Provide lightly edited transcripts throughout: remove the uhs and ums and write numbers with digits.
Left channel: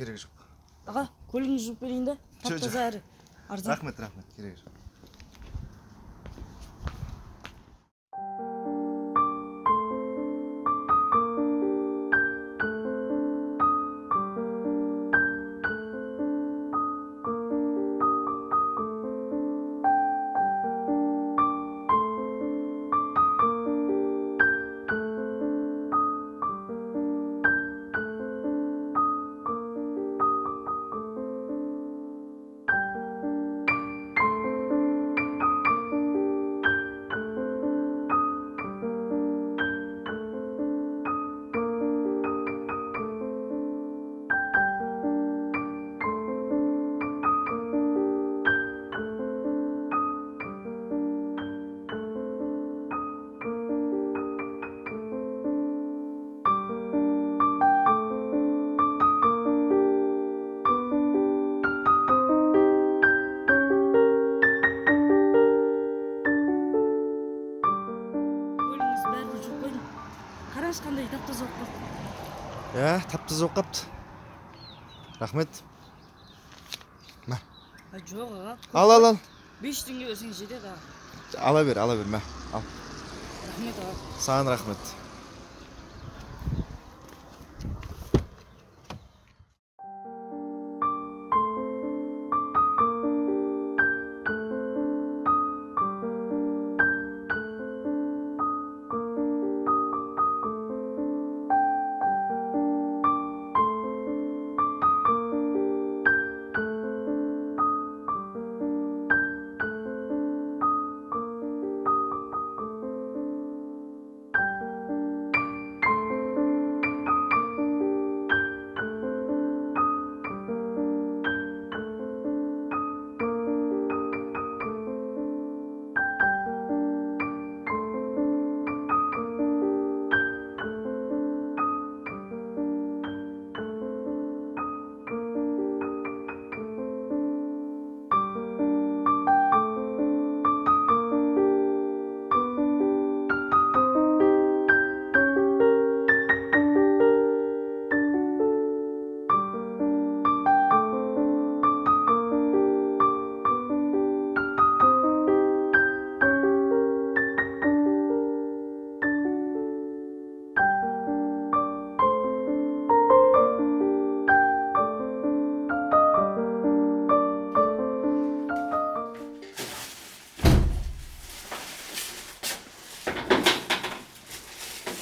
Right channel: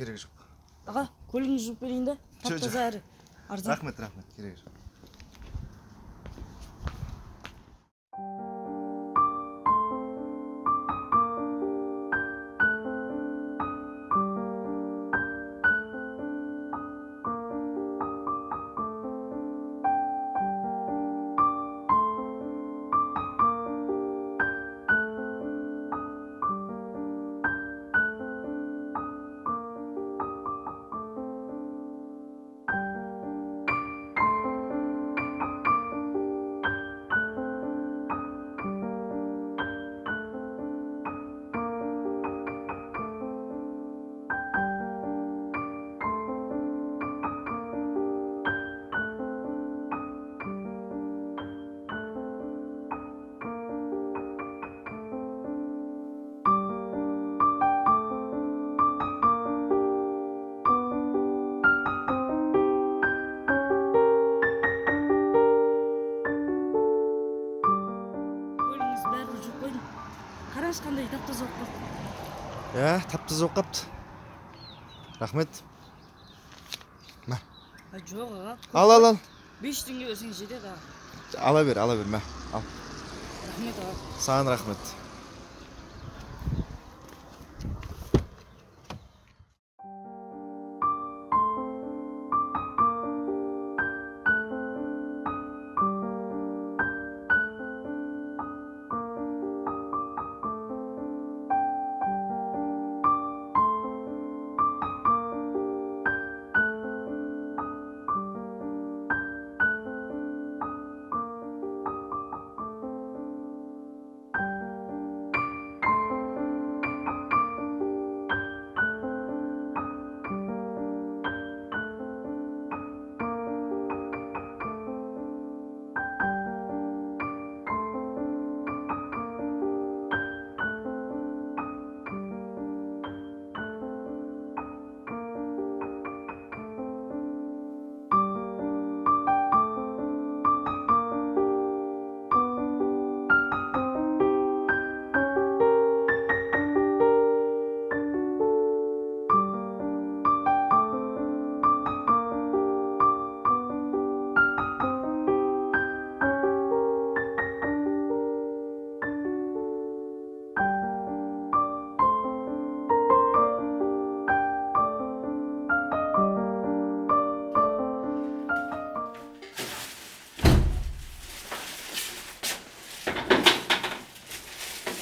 керек жоқ. Аға, көлігіңізді жуып берейін да. Тап-таза әрі арзан. Рахмет, керек жоқ. Қараңыз қандай тап-таза болып қалды. Тап-таза болып қапты. Рахмет. Жоқ аға. Ал. 5 теңге берсең жетеді аға. Ала бер, ал. Рахмет аға. Саған рахмет.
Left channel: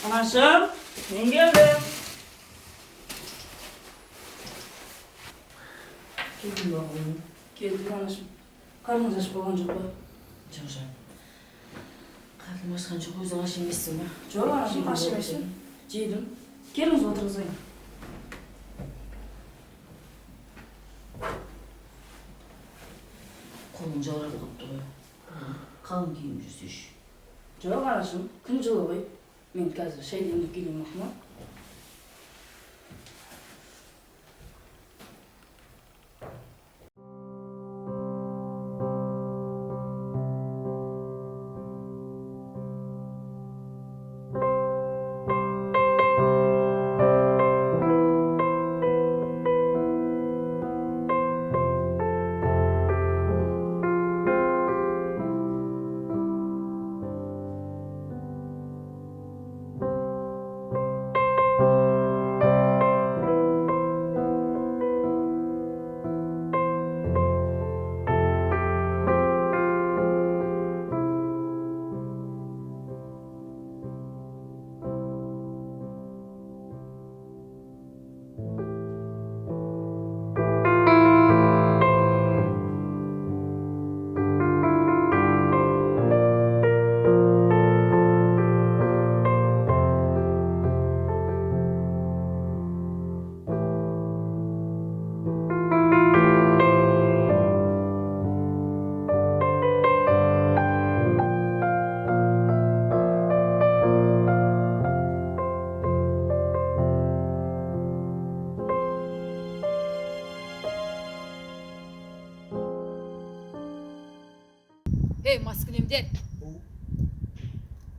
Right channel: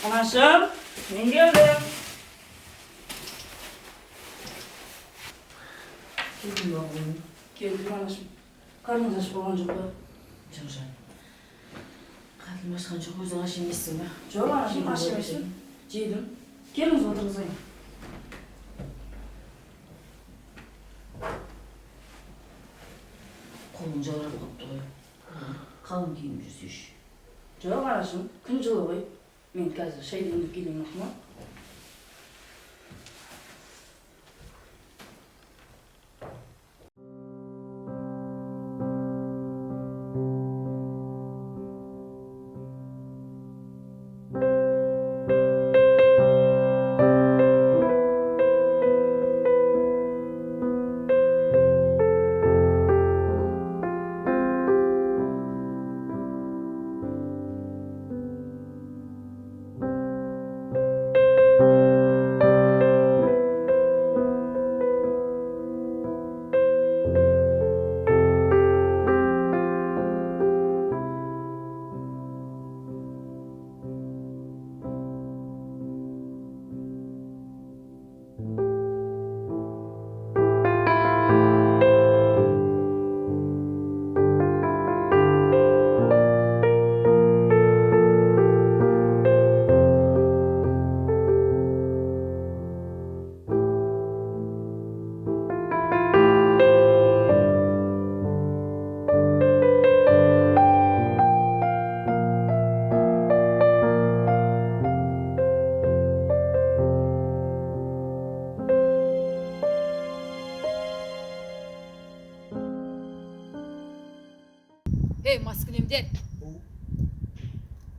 Anашым, мен келдім. Келдім ба оғылым? Келдім анашым. Қарныңыз аш болған жоқ па? Жоқ жан. Қарным ашқан жоқ, өзің аш емессің ба? Жоқ анашым, аш емеспін. Жедім. Келіңіз отырғызайын. Қолың жаурап қалыпты ғой. Қалың киім жүрсеш. Жоқ анашым, күн жылы ғой. Мен қазір шай демдеп келейін ма? Ей, маскүнемдер.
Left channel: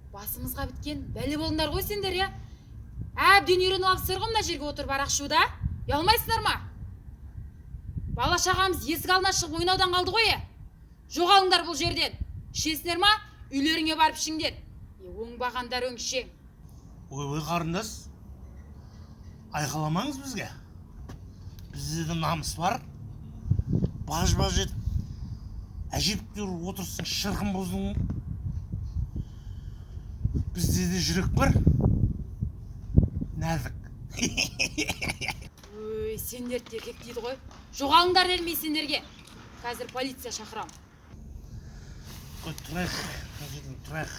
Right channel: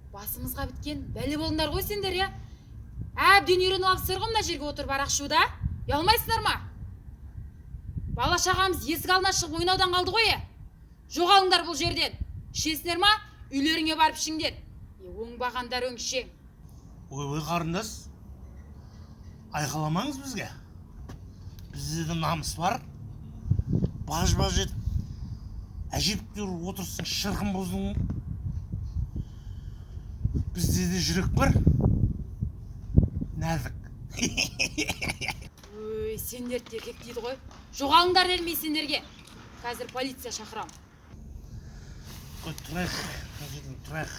Басымызға біткен бәле болыңдар ғой сендер, я. Әбден үйреніп алыпсыздар ғой мына жерге отырып арақ ішуді. Ұялмайсыңдар ма? Бала шағамыз есік алдына шығып ойнаудан қалды ғой. Жоғалыңдар бұл жерден. Ішесіңдер ма? Үйлеріңе барып ішіңдер. Оңбағандар өңшең. Ой қарындас, айқаламаңыз бізге. Бізде де намыс бар. Баж-баж етіп, әжептәуір отырсын шырқын боздың. Бізде де жүрек бар. Нәзік. Өй, сендер еркек дейді ғой. Жоғалыңдар дермей сендерге. Қазір полиция шақырам. Ой, тұрайық, тұрайық.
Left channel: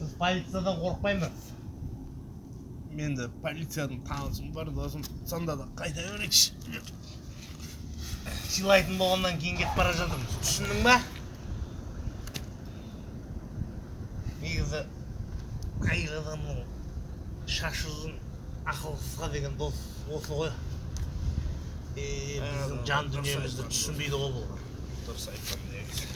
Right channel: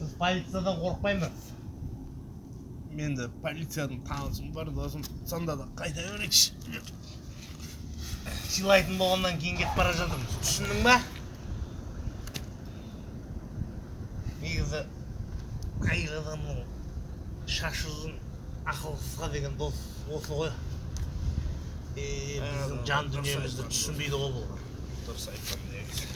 Біз полициядан қорықпаймыз. Мен де полицияның танысым бар, досым сонда да қайта берекші. Сыйлайтын болғаннан кейін кетіп бара жатырмыз. Түсіндің ба? Негізі әйел адамның шашы ұзын, ақылсызға деген дос осы ғой. Біздің жан дүниемізді түсінбейді ғой бұл. Дұрыс айтқан негізі.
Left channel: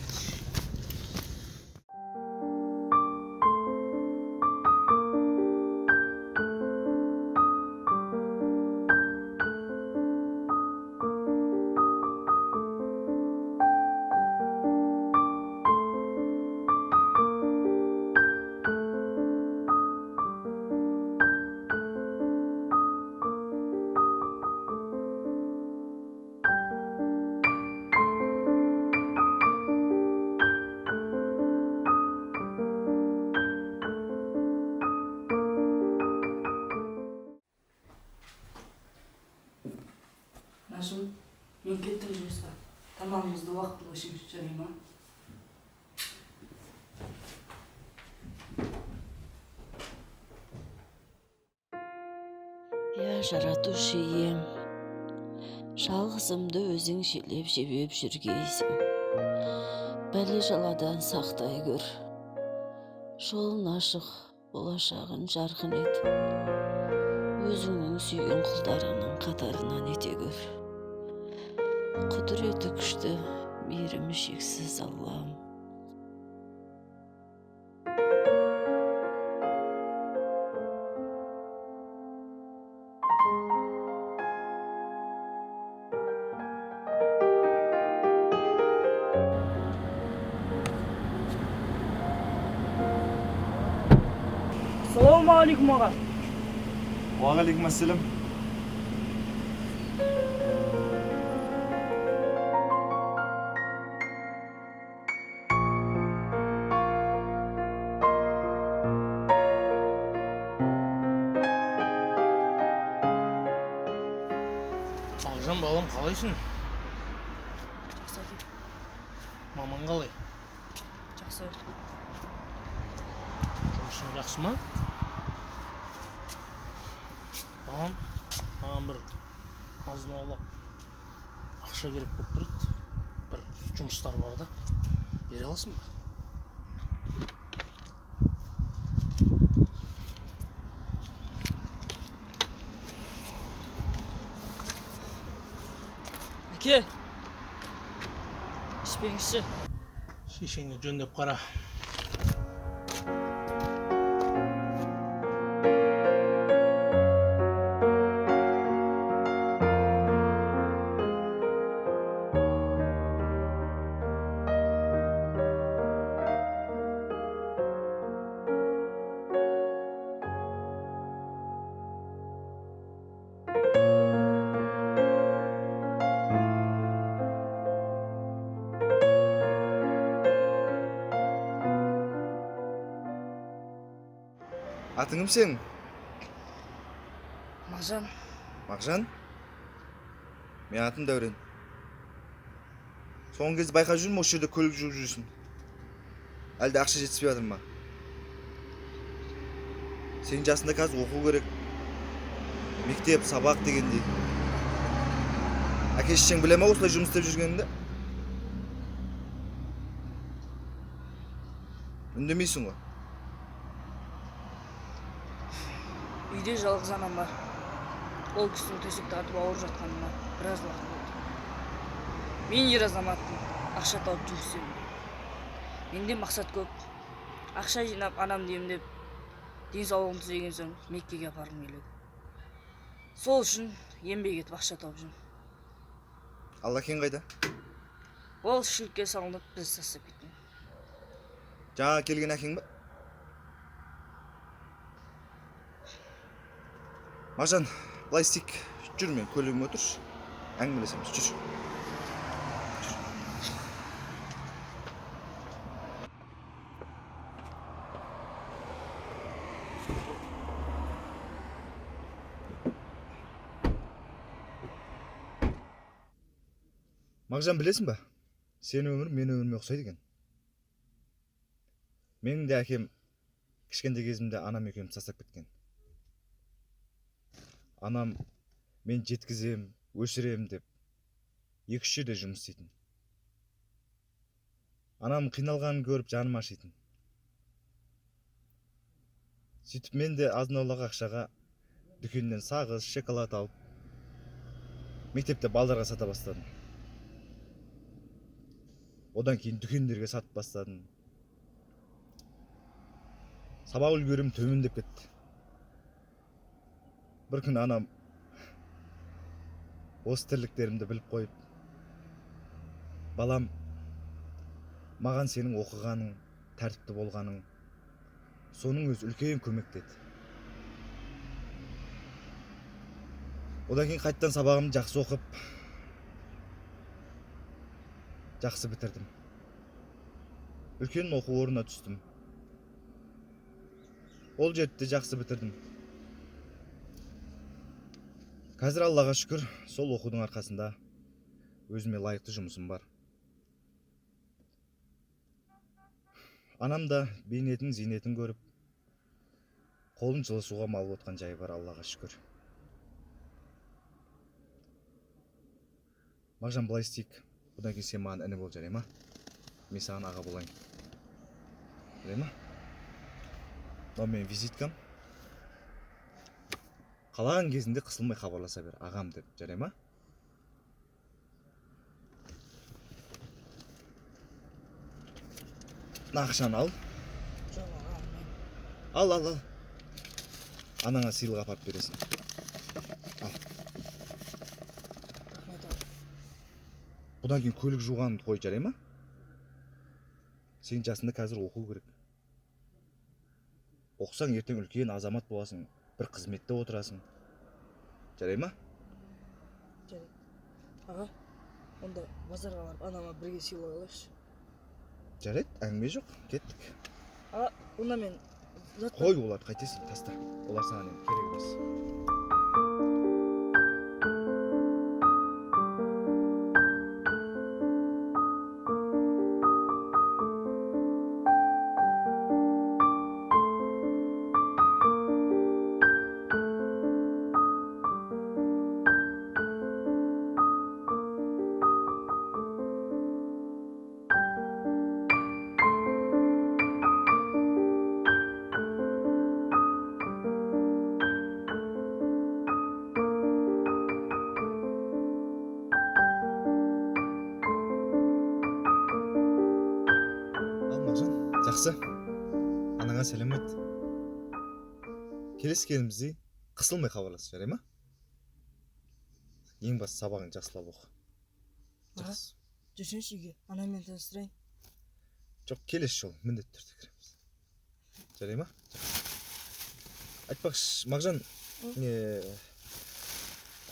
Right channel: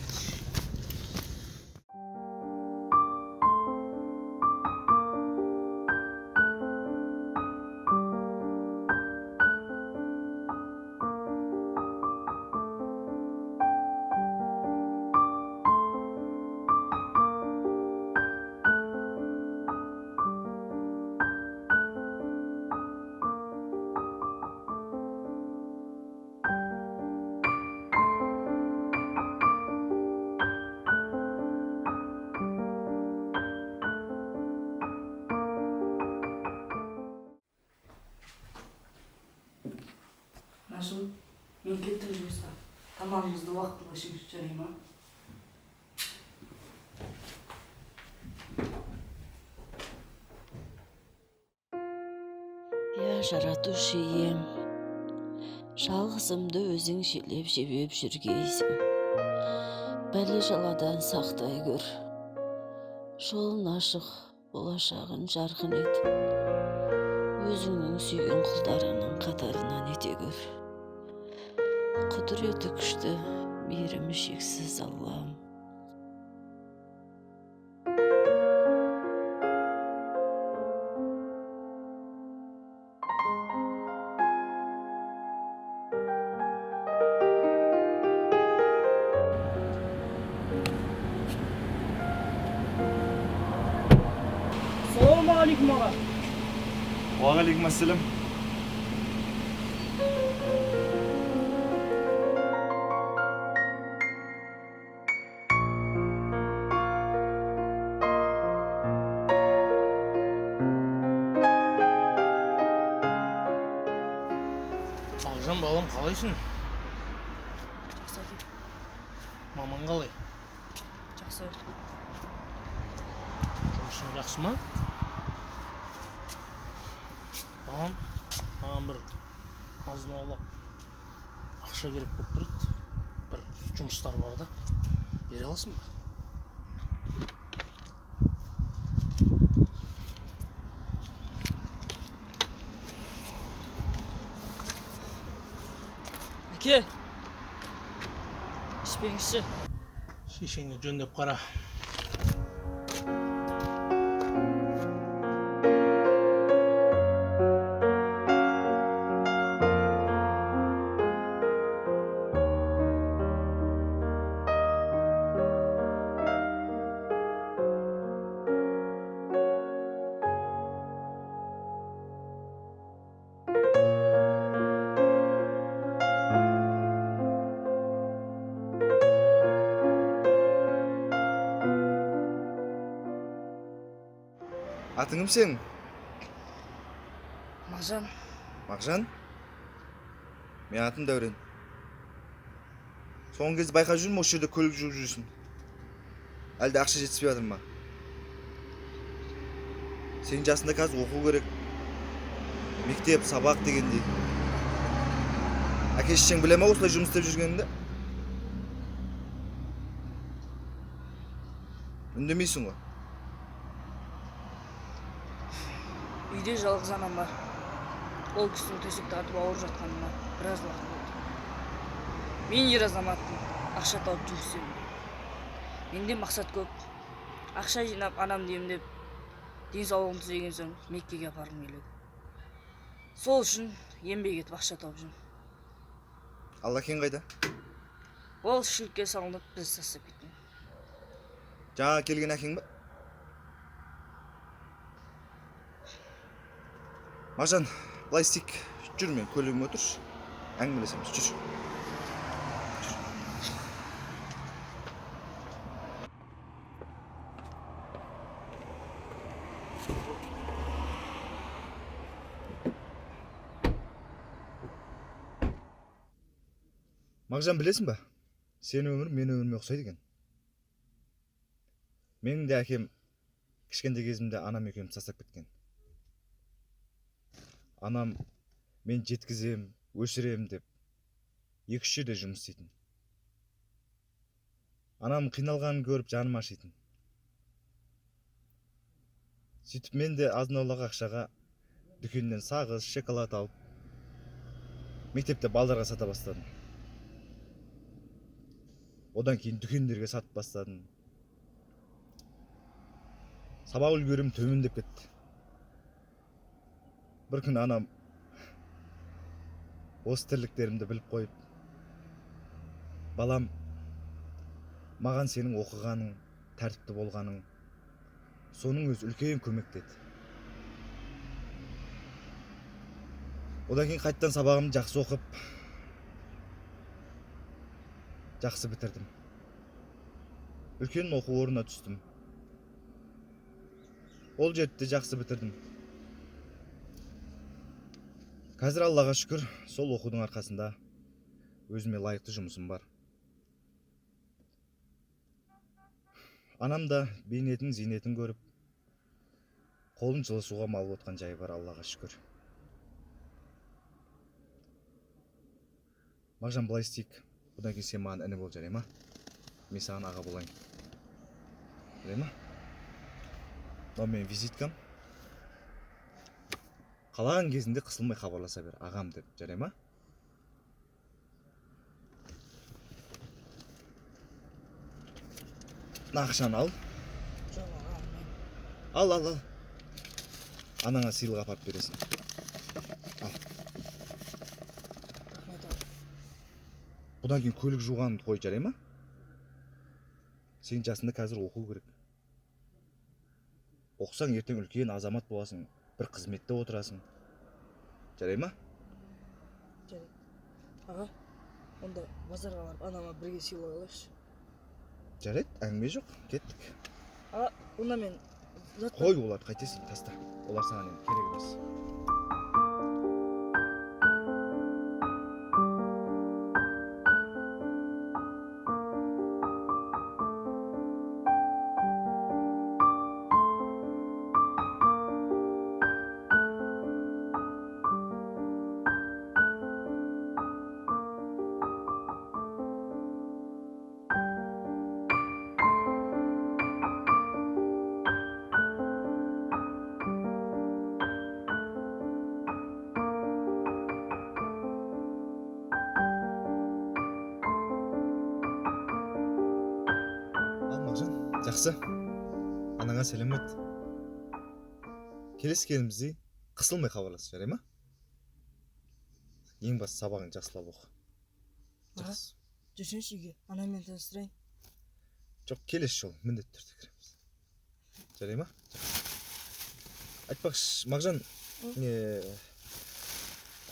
Нашыл, мен кеттім жұмысқа. Тамағымызды уақытылы ішіңіз жарай ма? Я жаратушы ием, жалғызымды өзің желеп жебеп жүргейсің. Бәле жаладан сақтай көр, жолын ашық, болашағын жарқын ет. Өзіңнің сүйген құлдарының қатарынан ете көр. Құдіреті күшті, мейірімі шексіз Аллам. Ассалаумағалейкум аға. Уағалейкум ассалам. Алжан балам, қалайсың? Жақсы әке. Маман қалай? Жақсы. Жұмысың жақсы ма? Балам, маған бір азын-аулақ ақша керек болып тұрады. Бір жұмыстар бар да. Бере аласың ба? Әке, ішпеңізші. Шешеңді жөндеп қара. Атың кім сенің? Мағжан. Мағжан? Мен атым Дәурен. Соңғы кезде байқап жүрмін, осы жерде көлік жуып жүрсің. Әлде ақша жетіспей жатыр ма? Сенің жасында қазір оқу керек. Мектеп, сабақ дегендей. Әке-шешең біле ме осылай жұмыс істеп жүргеніңді? Үндемейсің ғой. Үйде жалғыз анам бар. Ол кісінің төсекте атып ауырып жатқанына біраз уақыт болды. Мен ер азаматпын, ақша тауып жұмыс істеймін. Менде мақсат көп. Ақша жинап, анамды емдеп, денсаулығын түзеген соң Меккеге апарғым келеді. Сол үшін еңбек етіп ақша тауып жүрмін. Ал әкең қайда? Ол шілікке салынып біз тастап кеткен. Жаңа келген әкең ба? Мағжан, былай істейік. Жүр, мен көлігіме отыршы. Әңгімелесеміз, жүр. Мағжан, білесің ба? Сен өмір, мен өміріме ұқсайды екен. Менің де әкем кішкентай кезімде анам екеуміз тастап кеткен. Анам мен жеткізем, өсірем деп 2-3 жерде жұмыс істейтін. Анам қиналғанын көріп жаным ашитын. Сөйтіп мен де азын-аулақ ақшаға дүкеннен сағыз, шоколад алып, мектепте балдарға сата бастадым. Одан кейін дүкендерге сатып бастадым. Сабақ үлгерім төмендеп кетті. Бір күн анам осы тірліктерімді біліп қойып, балам, маған сенің оқығаның, тәртіпті болғаның, соның өз үлкен көмек деді. Одан кейін қайттан сабағымды жақсы оқып, жақсы бітірдім. Үлкен оқу орнына түстім. Ол жерді жақсы бітірдім. Қазір Аллаға шүкір, сол оқудың арқасында өзіме лайықты жұмысым бар. Анам да бейнетін, зейнетін көріп, қолын жылы суға малып отқан жайы бар, Аллаға шүкір. Мағжан, былай істейік. Бұдан кейін сен маған іні бол, жарай ма? Мен саған аға болайын. Жарай ма? Мынау менің визиткам. Қалаған кезінде қысылмай хабарласа бер, ағам деп, жарай ма? Ақшаны ал. Жоқ, ағам, мен. Ал. Анаңа сыйлық апарып бересің. Ал. Рахмет, ағам. Бұдан кейін көлік жуғанды қой, жарай ма? Сен жасында қазір оқу керек. Оқысаң ертең үлкен азамат боласың, бір қызметте отырасың. Жарай ма? Жарайды. Аға, онда базарға барып анама бірге сыйлық алайықшы. Жарайды, әңгіме жоқ, кеттік. Аға, онда мен Қой, оларды қайтесің, таста. Олар саған енді керек емес. Мағжан, жақсы. Анаңа сәлем айт. Келесі келімізде қысылмай хабарлас, жарай ма? Ең басты сабағын жақсылап оқы. Жақсы. Жүрсеңші үйге, анаммен таныстырайын. Жоқ, келесі жол міндетті түрде кіреміз. Жарай ма? Айтпақшы, Мағжан,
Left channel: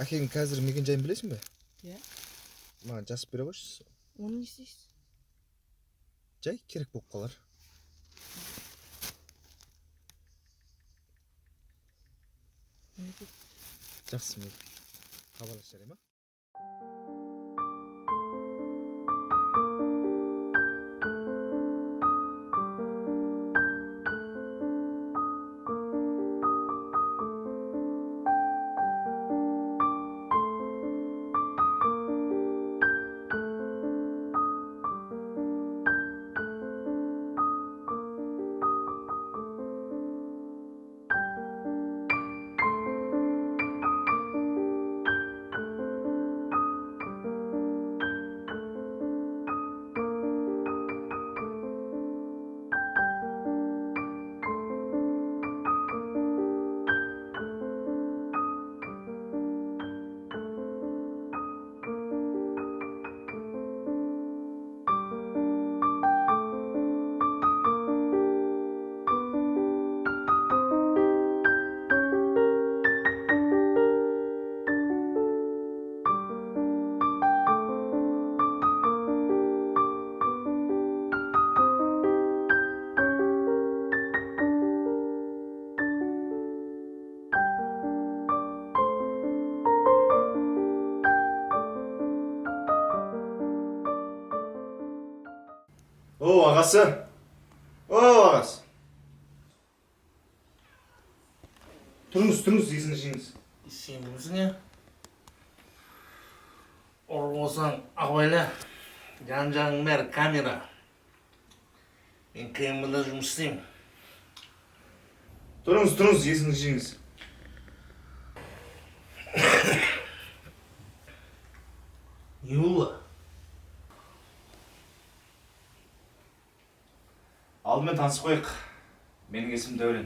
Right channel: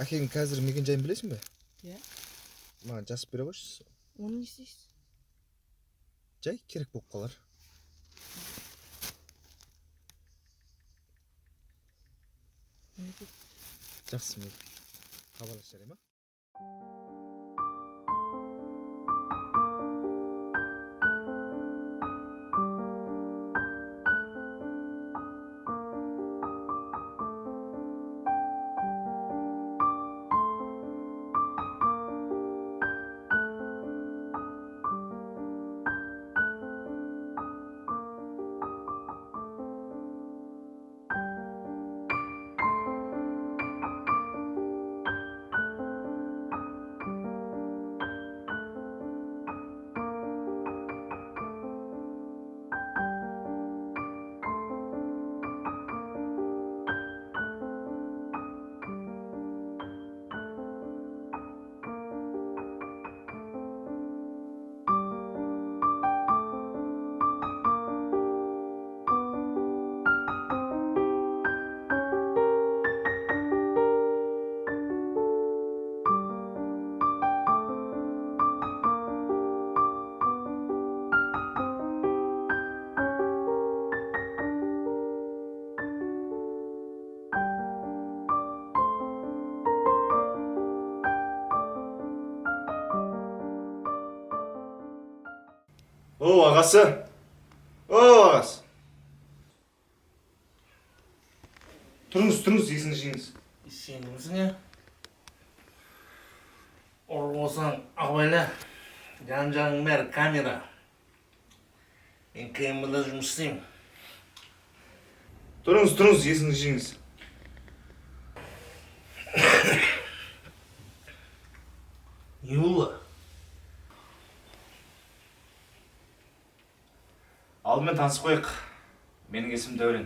әкең қазір мекен жайын білесің бе? Иә. Маған жазып бере қойшы. Оны не істейсіз? Жай керек болып қалар. Жақсы, мен хабарлас, жарай ма? О, ағасы. О, ағасы. Тұрыңыз, есіңізді жеңіз. Сен кімсің, е? Ұры болсаң, абайла. Жан-жағың бәрі камера. Мен КМБ-да жұмыс істеймін. Тұрыңыз, есіңізді жеңіз. Не болды? Алдымен танысып қойық. Менің есімім Дәурен.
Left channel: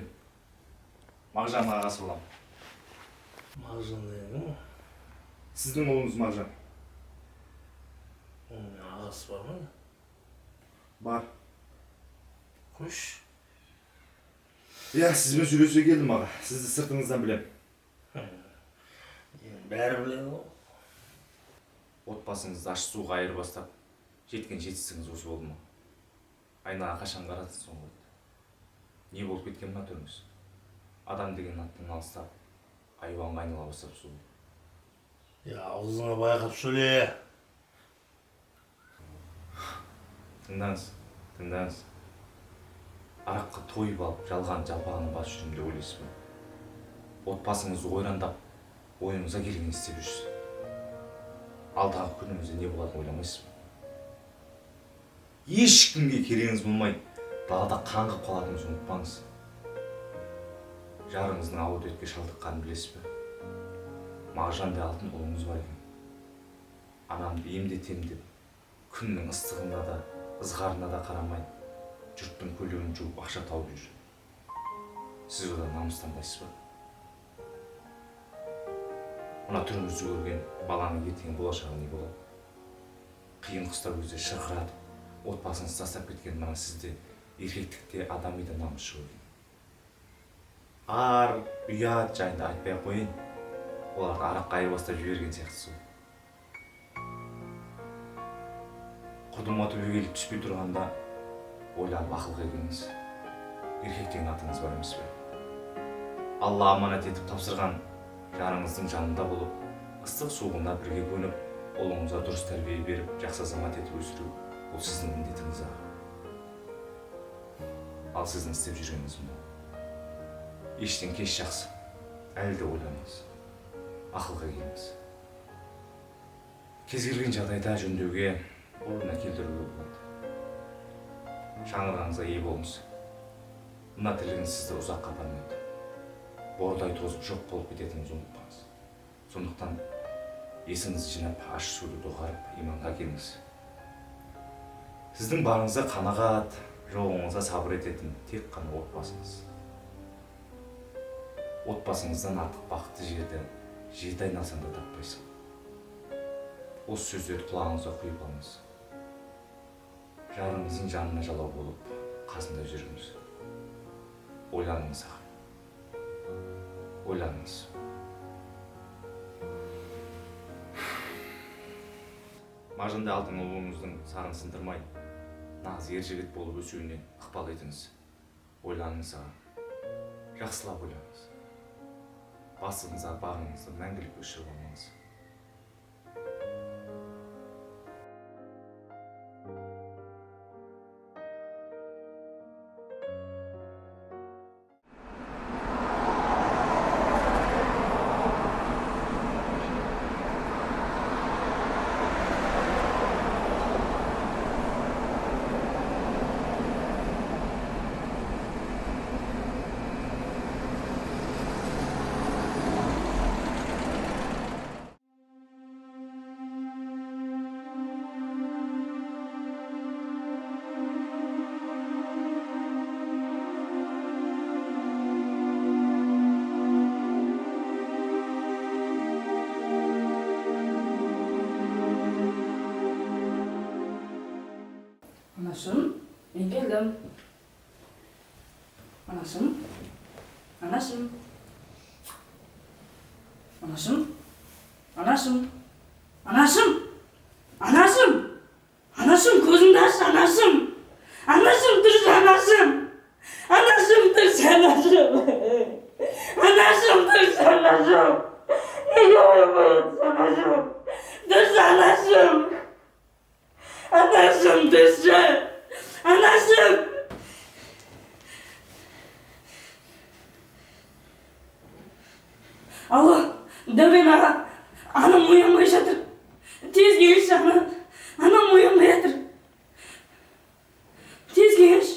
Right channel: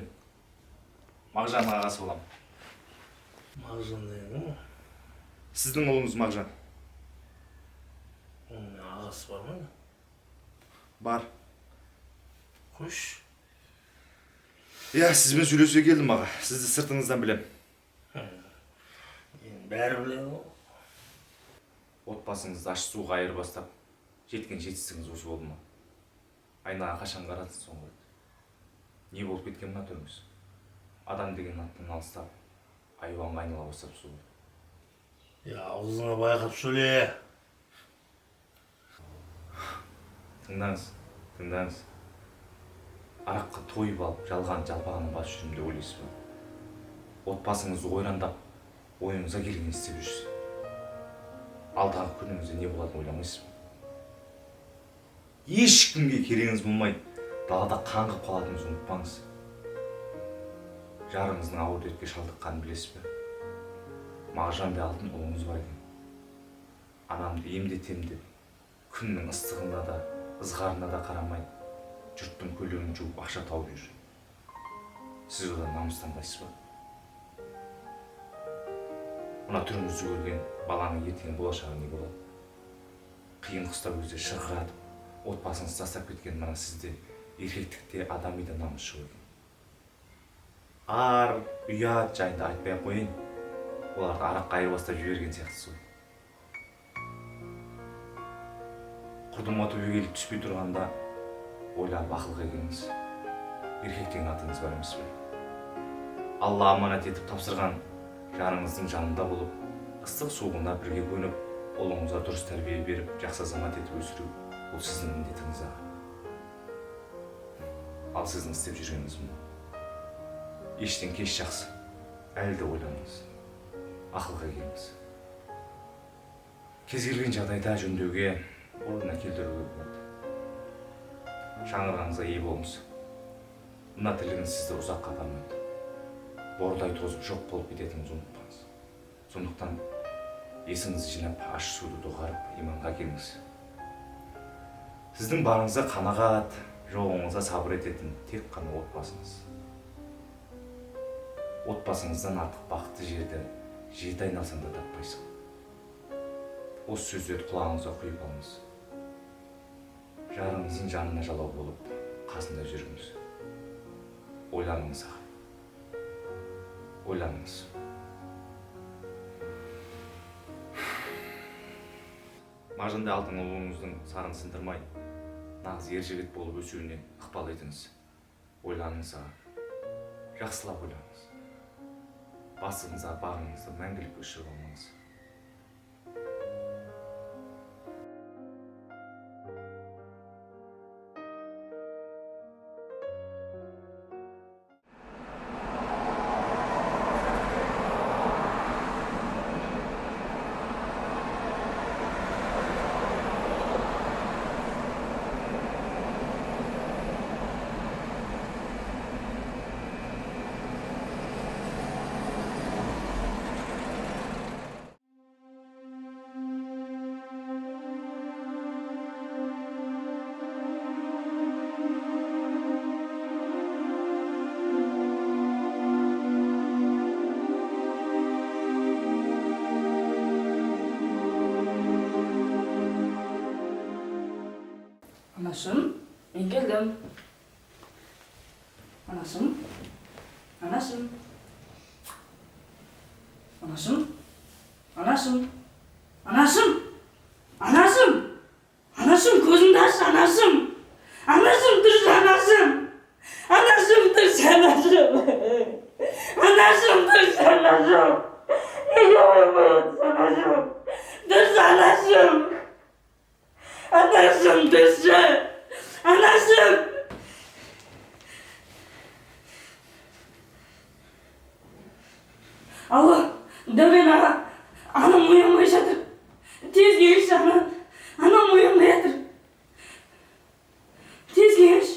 Мағжанның ағасы болам. Мағжан деген кім? Сіздің ұлыңыз Мағжан. Оның ағасы бар ма? Бар. Қош. Иә, сізбен сөйлесе келдім аға. Сізді сыртыңыздан білем. Бәрі біледі ғой. Отбасыңызды аш суға айырбастап, жеткен жетістігіңіз осы болды ма? Айнаға қашан қарадыңыз соңғы рет? Не болып кеткен мына түріңіз? Адам деген аттан алыстап, айуанға айнала бастап су. Аузыңа байқап сөйле. Тыңдаңыз. Араққа тойып алып, жалпағына бас жүрім деп ойлайсыз ба? Отбасыңызды ойрандап, ойыңызға келген істеп жүрсіз. Алдағы күніңізде не болатынын ойламайсыз ба? Ешкімге керегіңіз болмай, далада қаңғып қалатыныңызды ұмытпаңыз. Жарыңыздың ауыр дертке шалдыққанын білесіз бе? Мағжандай алтын ұлыңыз бар екен. Анамды емдетем деп, күннің ыстығында да, ызғарына да қарамай, жұрттың көлігін жуып ақша тауып жүр. Сіз одан намыстанбайсыз ба? Мына түріңізді көрген баланың ертең болашағы не болады? Қиын қыстау кезде шырқыратып, отбасыңызды тастап кеткен мына сізде еркектікте адами да намыс шығу екен. Ар, ұят жайында айтпай-ақ қойын. Оларды араққа айырбастап жіберген сияқтысыз ғой. Құрдымға төбеге келіп түспей тұрғанда ойланып ақылға келіңіз. Еркек деген атыңыз бар емес пе? Алла аманат етіп тапсырған жарыңыздың жанында болып, ыстық суығына бірге көніп, ұлыңызға дұрыс тәрбие беріп, жақсы азамат етіп өсіру, бұл сіздің міндетіңіз аға. Ал сіздің істеп жүргеніңіз мынау. Ештен кеш жақсы. Әлі де ойланыңыз. Ақылға келіңіз. Кез келген жағдайда жөндеуге, орнына келтіруге болады. Шаңырағыңызға ие болыңыз. Мына тірлігіңіз сізді ұзаққа апармайды. Бордай тозып жоқ болып кететініңізді ұмытпаңыз. Сондықтан есіңізді жинап, аш суды доғарып, иманға келіңіз. Сіздің барыңызға қанағат, жоғыңызға сабыр ететін тек қана отбасыңыз. Отбасыңыздан артық бақытты жерді жеті айналсаң да таппайсың. Осы сөздерді құлағыңызға құйып алыңыз. Жарыңыздың жанына жалау болып, қасында жүріңіз. Ойланыңыз аға. Ойланыңыз. Мағжандай алтын ұлыңыздың сарын сындырмай, нағыз ер жігіт болып өсуіне ықпал етіңіз. Ойланыңыз аға. Жақсылап ойланыңыз. Басыңызға бағыңызды мәңгілік өшіріп алмаңыз. Anasım, ben geldim. Anasım. Anasım. Anasım. Anasım. Anasım. Anasım. Anasım, gözünü aç anasım. Anasım, dur anasım. Anasım, dur anasım. Anasım, dur anasım. Ne yapıyorsun anasım? Dur anasım. Anasım, dur. Анам! Алло, Тәубе аға, анам оянбай жатыр. Тез келші, анам оянбай жатыр. Тез келші.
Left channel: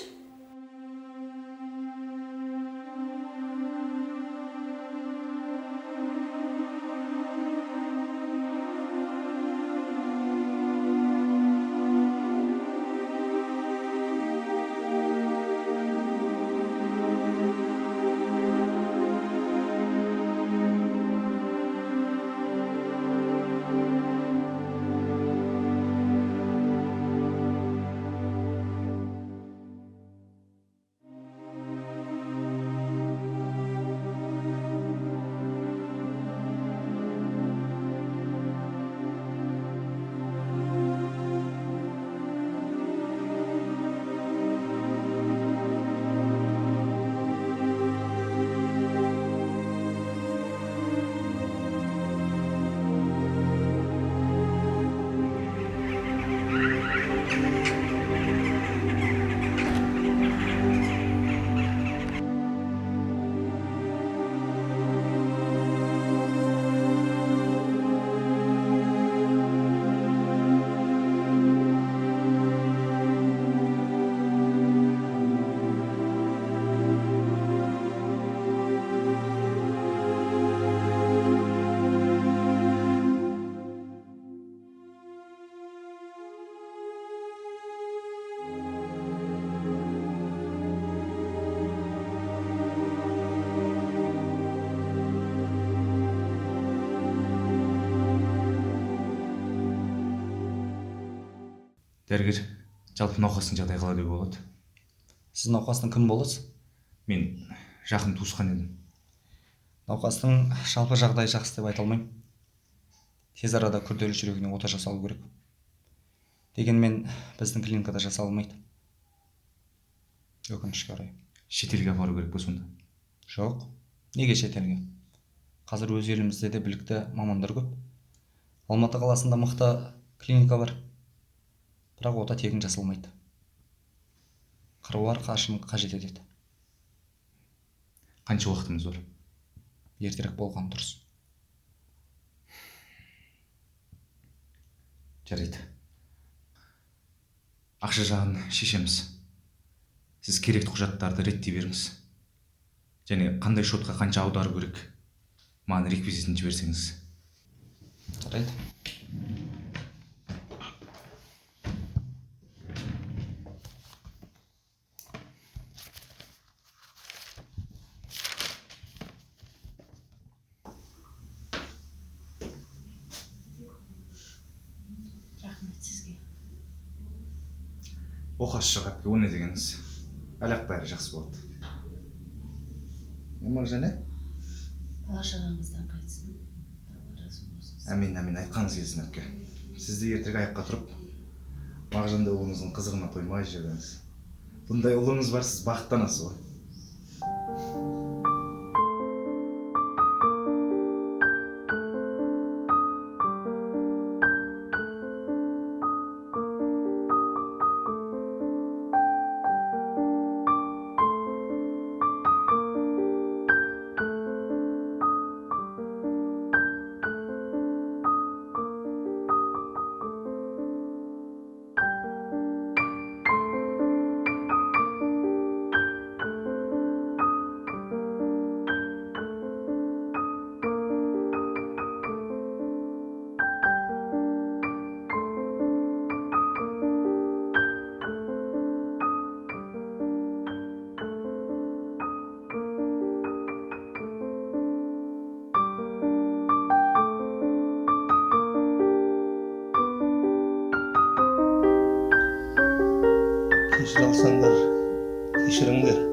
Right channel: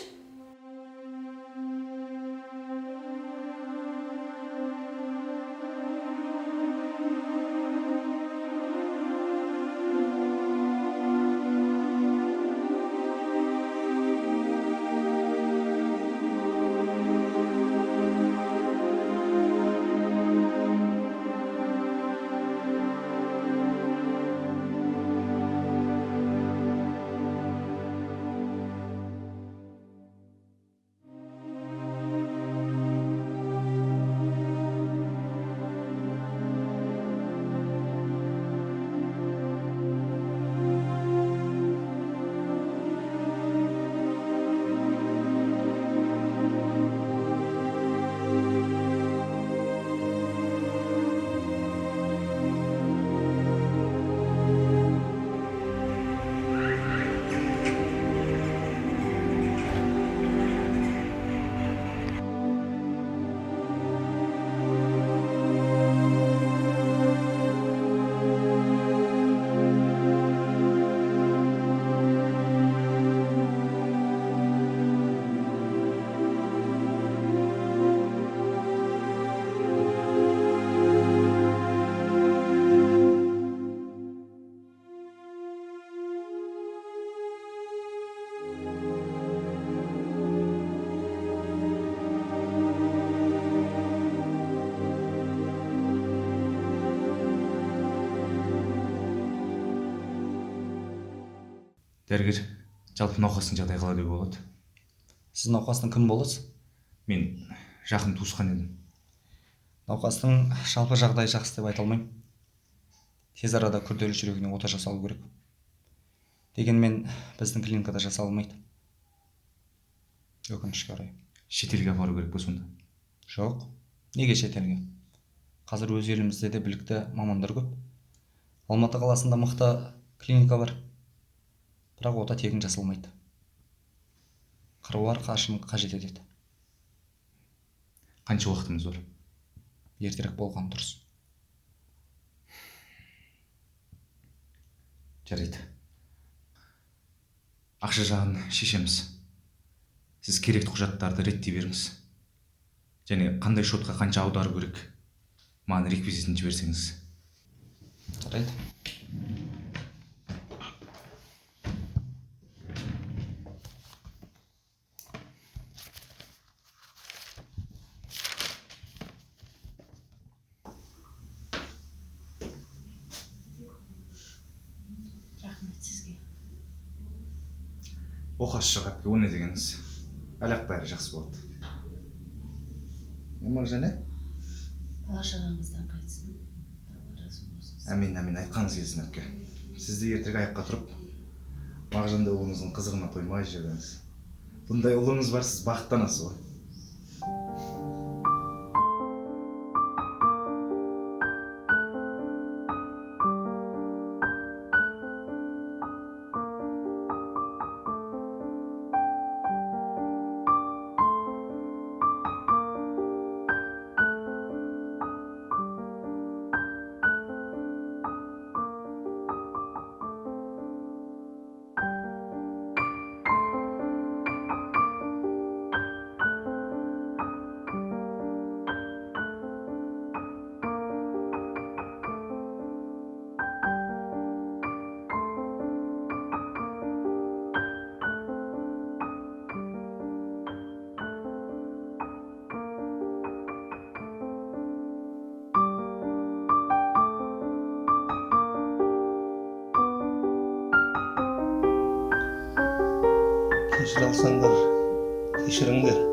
Дәрігер, жалпы науқастың жағдайы қалай деуге болады? Сіз науқастың кім боласыз? Мен жақын туысқан едім. Науқастың жалпы жағдайы жақсы деп айта алмаймын. Тез арада күрделі жүрегіне ота жасалу керек. Дегенмен біздің клиникада жасалмайды. Өкінішке орай. Шетелге апару керек пе сонда? Жоқ. Неге шетелге? Қазір өз елімізде де білікті мамандар көп. Алматы қаласында мықты клиника бар. Бірақ ота тегін жасалмайды. Қыруар қаржыны қажет етеді. Қанша уақытымыз бар? Ертерек болған дұрыс. Жарайды. Ақша жағын шешеміз. Сіз керекті құжаттарды реттей беріңіз. Және қандай шотқа қанша аудару керек? Маған реквизитін жіберсеңіз. Жарайды. Оқасы шығып, о не дегеніңіз? Әлек бәрі жақсы болады. Жаңа? Бала-шағаңыздан қайтсын. Әмин, айтқаныңыз келсін әпке. Сізді ертең аяққа тұрып, Мағжанда ұлыңыздың қызығына тоймай жүріңіз. Бұндай ұлыңыз бар, сіз бақыттанасыз ғой. Кешіре алсаңдар, кешіріңдер.